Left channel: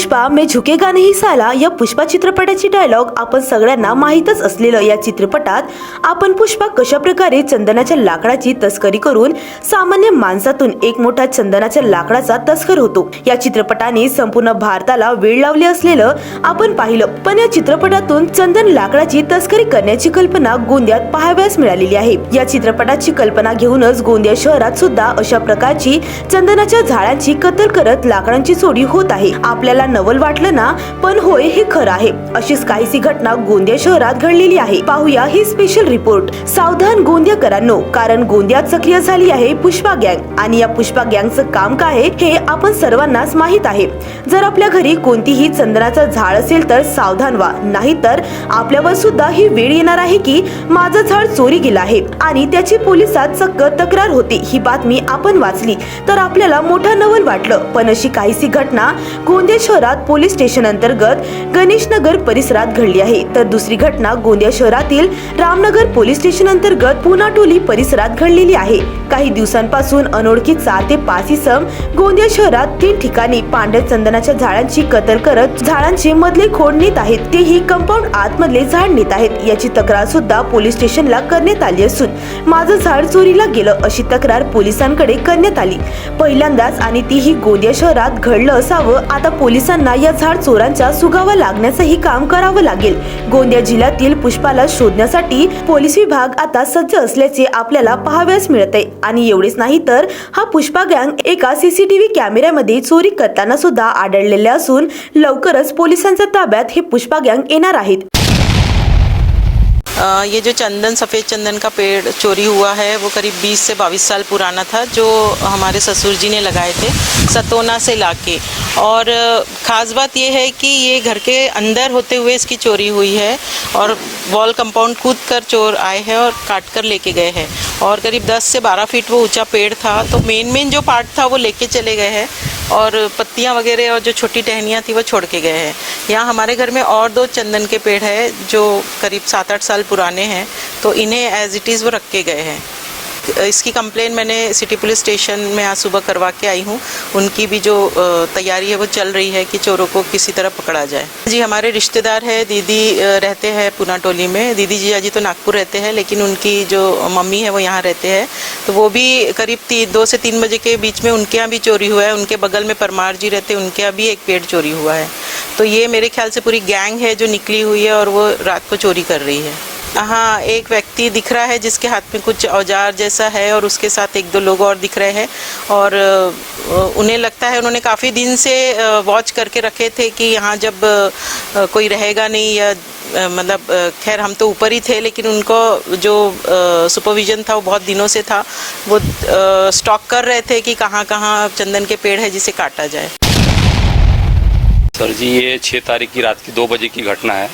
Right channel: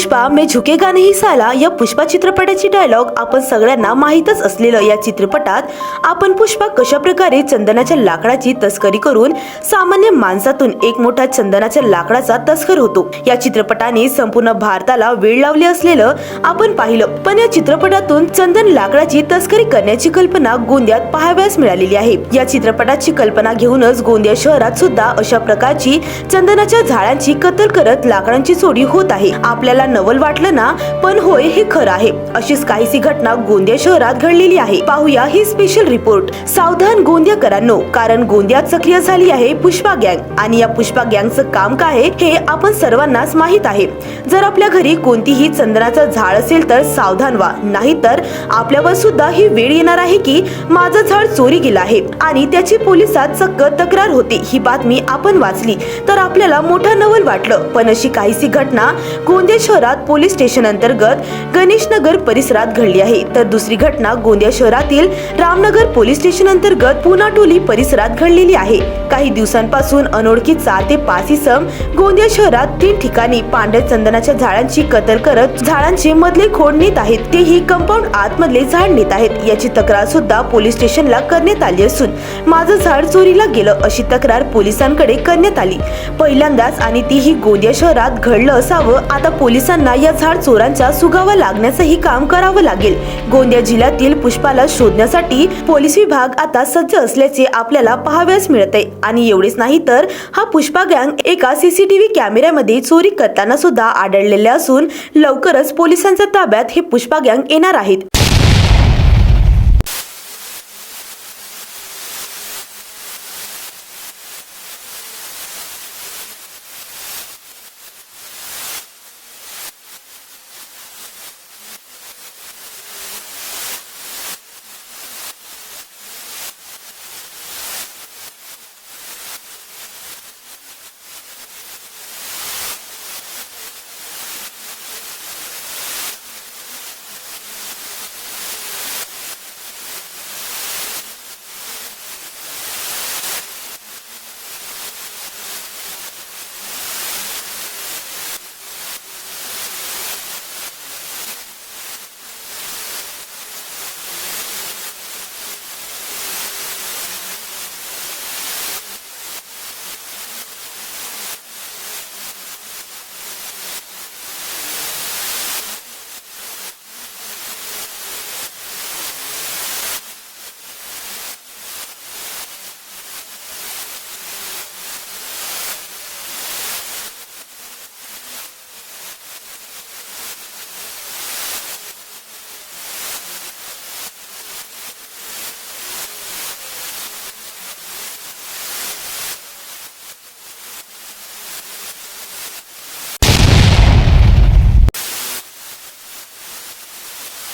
पुष्पा मैं झुकेगा नहीं साला या पुष्पा चित्रपटाची डायलॉग आपण सगळ्यांना माहीतच असलेलं या चित्रपटात आपण पुष्पा कशा प्रकारे चंदनाच्या लाकडाची तस्करी करून सामान्य माणसातून एक मोठा चंदनाच्या लाकडाचा तस्कर होतो। या चित्रपटाने संपूर्ण भारताला वेळ लावली असलेलं आपण पाहिलं, पण या चित्रपटातून चंदन लाकडाची तस्करी करण्याची कल्पना गोंदियात पाहावयास मिळालेली आहे। या चित्रपटाची कल्पना घेऊनच गोंदिया शहरात सुद्धा अशा प्रकारची चंदनाच्या झाडांची कत्तल करत लाकडांची चोरी होत आहे। आपल्याला नवल वाटलं ना, पण होय हे खरं आहे। अशीच काहीशी घटना गोंदिया शहरात घडलेली आहे। पाहूया ही स्पेशल रिपोर्ट। सावधान गोंदियाकरांनो, कारण गोंदियात सक्रिय झाली आहे पुष्पा गँग आणि या पुष्पा गँगचं काम काय आहे हे आपण सर्वांनाच माहित आहे। जर आपल्या घरी कोणतीही चंदनाचं झाड असेल तर सावधान व्हा, नाहीतर आपल्यावर सुद्धा ही वेळ येणार आहे की माझं झाड चोरी गेलं आहे आणि त्याची पोलिसात चक्क तक्रार होती। ही बातमी आपण वाचली तर आपल्याला मोठा नवल वाटलं, पण अशी काहीशी घटना गोंदिया शहरात पोलीस स्टेशन अंतर्गत गणेश नगर परिसरात घडली आहे। तर दुसरी घटना गोंदिया शहरातील रामनगर पोलीस स्टेशन अंतर्गत पुनाटोली परिसरात घडलेली आहे। काही दिवसांपासून अनोळखी 4 ते 5 इसम गोंदिया शहरात 3 ठिकाणी पांढऱ्या चंदनाच्या झाडांची कत्तल करत झाडांचे मधले खोड नेत आहेत, तेही कंपाऊंड आतमधले झाड नेत आहेत। याची तक्रार सुद्धा पोलीस स्टेशनला करण्यात आली असून माझं झाड चोरीला गेलं अशी तक्रार पोलिसांकडे करण्यात आली। पहिल्यांदाच आणि तीही गोंदिया शहरात घडलं असावं। आता पोलिसांना या झाड चोरांचा सुगावा लागण्याचंही काम करावं लागेल। गोंदिया जिल्ह्यातील पुष्पाला शोधण्यासाठी पोलीस विभाग आता सज्ज असल्याचे आपल्याला पाहावयास मिळते। आणि एवढेच नाही तर हा पुष्पा गँग एका सीसीटीव्ही कॅमेऱ्यामध्ये चोरी करताना सुद्धा आढळलेले असून लवकरच पोलिसांच्या ताब्यात हे पुष्पा गँग येणार आहेत। ये जो चंदन सफ़ेद चंदन का पेड़ चोरी हुआ है वो करीब 20 से 22 साल पुराना था, जो हमारे ससुर जी ने लगाए थे सतोना से लाके। और ख़ास बात ये है कि ये घर के अंदर होते हुए इसकी चोरी हुई है और वॉल कंपाउंड कूद कर चोर आए हैं और काट कर लेके गए हैं। और करीब 10 से 12 फीट वो ऊंचा पेड़ था, तो मेन जो पार्ट था वो लेके चले गए हैं और पत्तियां वगैरह और जो छोटी टहनियाँ थी वो छोड़ के गए हैं। यहाँ हमारे घर में और 2 चंदन के पेड़ हैं जो करीब 7-8 साल पुराने हैं, तो इन्हें एज इट इज़ वो रख के गए हैं। इसकी कंप्लेन मैंने सिटी पुलिस स्टेशन में आज सुबह करवा के आई हूँ। उनकी भी जो तैयारी है वो चल रही है कि चोरों को किसी तरह पकड़ा जाए। जी हमारे रिश्तेदार है, दीदी रहते हैं पुनाटोली में। दीदी जी अजी तो नागपुर रहते हैं, लेकिन उनकी जो मम्मी है वो यहाँ रहते हैं। तो वो भी करीब 2 से 3 बजे के बीच में उनके यहाँ भी चोरी हुआ है। उनके बगल में परमार जी रहते हैं, उनके यहाँ भी एक पेड़ चोरी हुआ है। तो ये मेरे ख्याल से पूरी गैंग है जो निकली हुई है और वो रात को चोरी कर रही है। हाँ, एक व्यक्ति दिख रहा है जिसके हाथ में कुछ औजार जैसा है और उसके साथ 1-2 लोग और दिख रहे हैं। और उन्हें लगता है उन्होंने काफ़ी दिन से वॉच करके रखे थे कि यहाँ जब कोई रहेगा नहीं या मतलब खैर हम तो ऊपर ही थे, लेकिन उनको जो सुपरविज़न था वो बहुत दिनों से था। वो स्टॉक कर रहे थे कि कहाँ कहाँ चंदन के पेड़ है जिसे काटा जाए। सर जी, ये 6 तारीख की रात की 2 बजे की घटना है।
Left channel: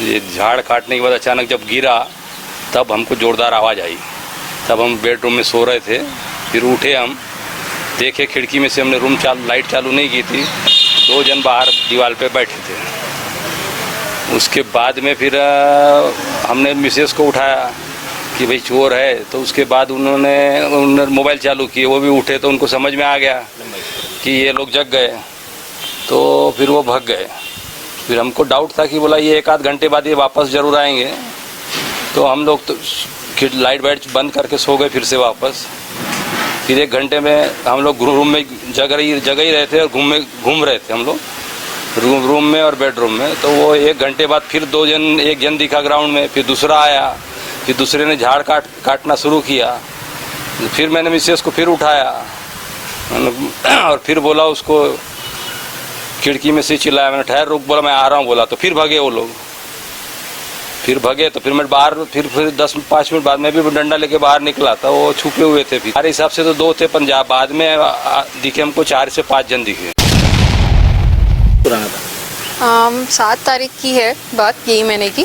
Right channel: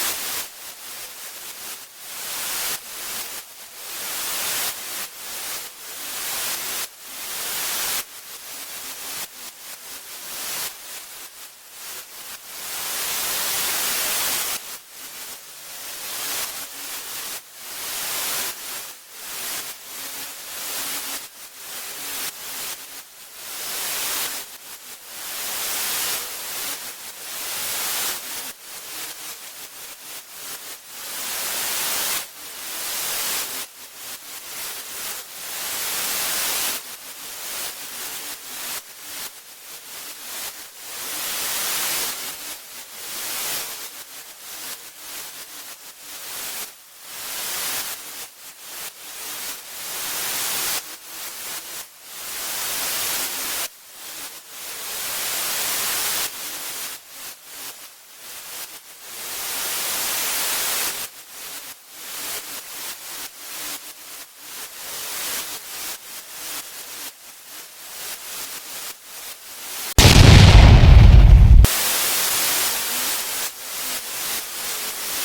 ये झाड़ काटने के बाद अचानक जब गिरा तब हमको ज़ोरदार आवाज़ आई। तब हम बेडरूम में सो रहे थे, फिर उठे, हम देखे खिड़की में से, हमने लाइट चालू नहीं की थी। 2 जन बाहर दीवार पे बैठे थे। उसके बाद में फिर हमने मिसेस को उठाया कि भाई चोर है। तो उसके बाद उन्होंने मोबाइल चालू किए, वो भी उठे, तो उनको समझ में आ गया कि ये लोग जग गए, तो फिर वो भाग गए। फिर हमको डाउट था कि बोला ये 1-8 घंटे बाद ये वापस ज़रूर आएंगे। तो हम लोग तो लाइट वाइट बंद करके सो गए फिर से वापस। फिर 1 घंटे में हम लोग रूम में जग ही रहे थे और घूम रहे थे हम लोग रूम में और बेडरूम में। तो वो 1 घंटे बाद फिर 2 जन, एक जन दिखा ग्राउंड में, फिर दूसरा आया, फिर दूसरे ने झाड़ काटना शुरू किया। फिर मैंने मिसेस को फिर उठाया और फिर बोला उसको, खिड़की में से चिल्लाया, मैंने ठहर रुक, बोला मैं आ रहा हूँ, बोला। तो फिर भागे वो लोग, तो फिर मैं बाहर फिर 10-5 मिनट बाद में भी डंडा लेके बाहर निकला था। वो छुपे हुए थे। फिर हमारे हिसाब से तो 2 थे पंजाब, बाद में दिखे हमको 4 से 5 जन दिखे। 7 तारीख की है बात, यही मैंने की।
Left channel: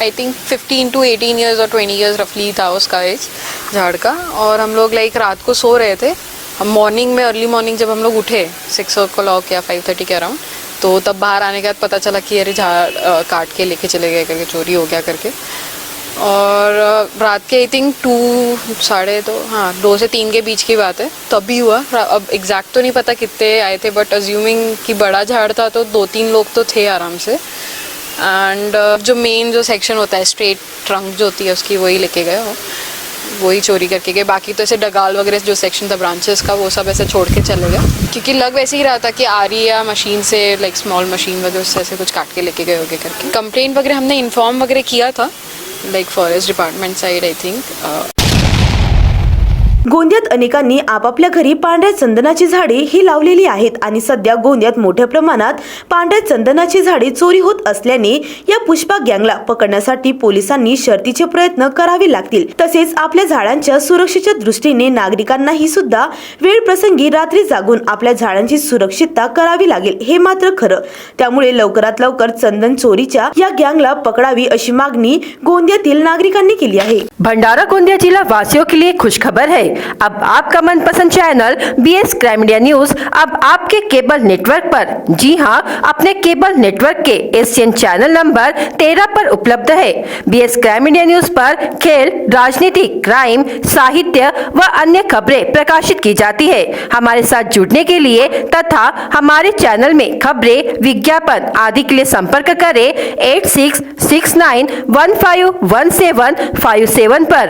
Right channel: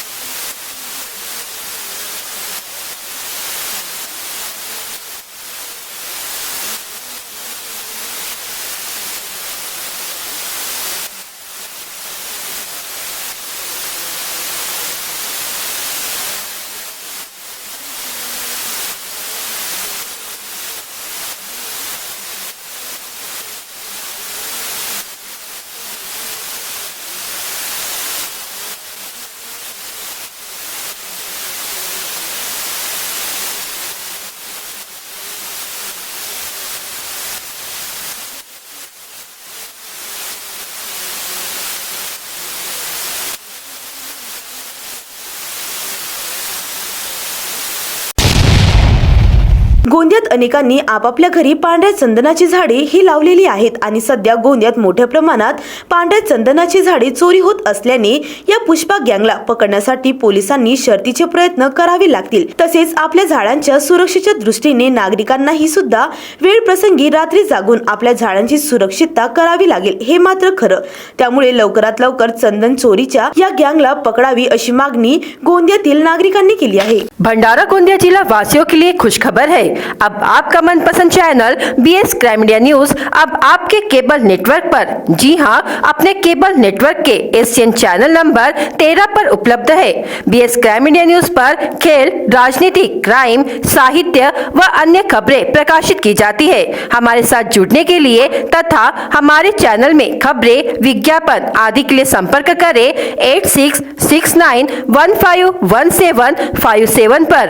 आई थिंक 15 to 18 ईयर्स और 20 ईयर्स रफली था उसका एज झाड़ का। और हम लोग रात को सो रहे थे। मॉर्निंग में, अर्ली मॉर्निंग जब हम लोग उठे 6 o'clock या 5:30 के अराउंड, तो तब बाहर आने के बाद पता चला कि अरे झाड़ काट के लेके चले गए करके, चोरी हो गया करके। और रात के आई थिंक 2 से 3 के बीच की बात है, तभी हुआ। अब एग्जैक्ट तो नहीं पता कितने आए थे, बट अज्यूमिंग कि बड़ा झाड़ था तो 2-3 लोग तो थे आराम से। एंड जो मेन जो सेक्शन होता है, स्ट्रेट ट्रंक जो होती है उसकी, वही लेके गए, वही चोरी करके गए। बाकी तो ऐसे डगाल वगैरह जो सेक्शन था ब्रांचेस का, वो सब ऐसे छोड़ के चले गए, क्योंकि लग वैसे ही रहा था कि आ रही है मशीन से, लाइक स्मॉल मशीन वगैरह उससे ऐसे कुछ काट के लेके गए होगे करके। कंप्लेंट वगैरह हमने इन्फॉर्म वगैरह किया था, like forest department side I think. गोंदियात अनेकांनी आपापल्या घरी पांढऱ्या चंदनाची झाडे ही लावलेली आहेत आणि सध्या गोंदियात मोठ्या प्रमाणात पांढऱ्या चंदनाची झाडे चोरी होत असल्याने या पुष्पा गँगला पकडण्यासाठी पोलिसांनी शर्थीचे प्रयत्न करावे लागतील। तसेच आपल्या झाडांच्या सुरक्षेच्या दृष्टीने नागरिकांनाही सुद्धा वेळ प्रसंगी रात्री जागून आपल्या झाडांची सुरक्षितता करावी लागेल, हे मात्र खरं। त्यामुळे लवकरात लवकर चंदन चोरीच्या या गँगला पकडावी अशी मागणी गोंदियातील नागरिकांनी केली आहे। भंडारा गोंदिया जिला वासियों के लिए खुशखबर है। अब आपका मनपसंद channel BS crime media news अब आपके केबल नेटवर्क पर, जी हां, अपने केबल नेटवर्क के एशियन चैनल नंबर 13 पर उपलब्ध है। BS क्राइम मीडिया न्यूज पर खेल, राजनीति, क्राइम, साहित्य व अन्य खबरें प्रकाशित की जाती है। हमारे साथ जुड़ने के लिए तथा हमारे चैनल में खबरें, विज्ञापन आदि के लिए संपर्क करें 8669151757 पर।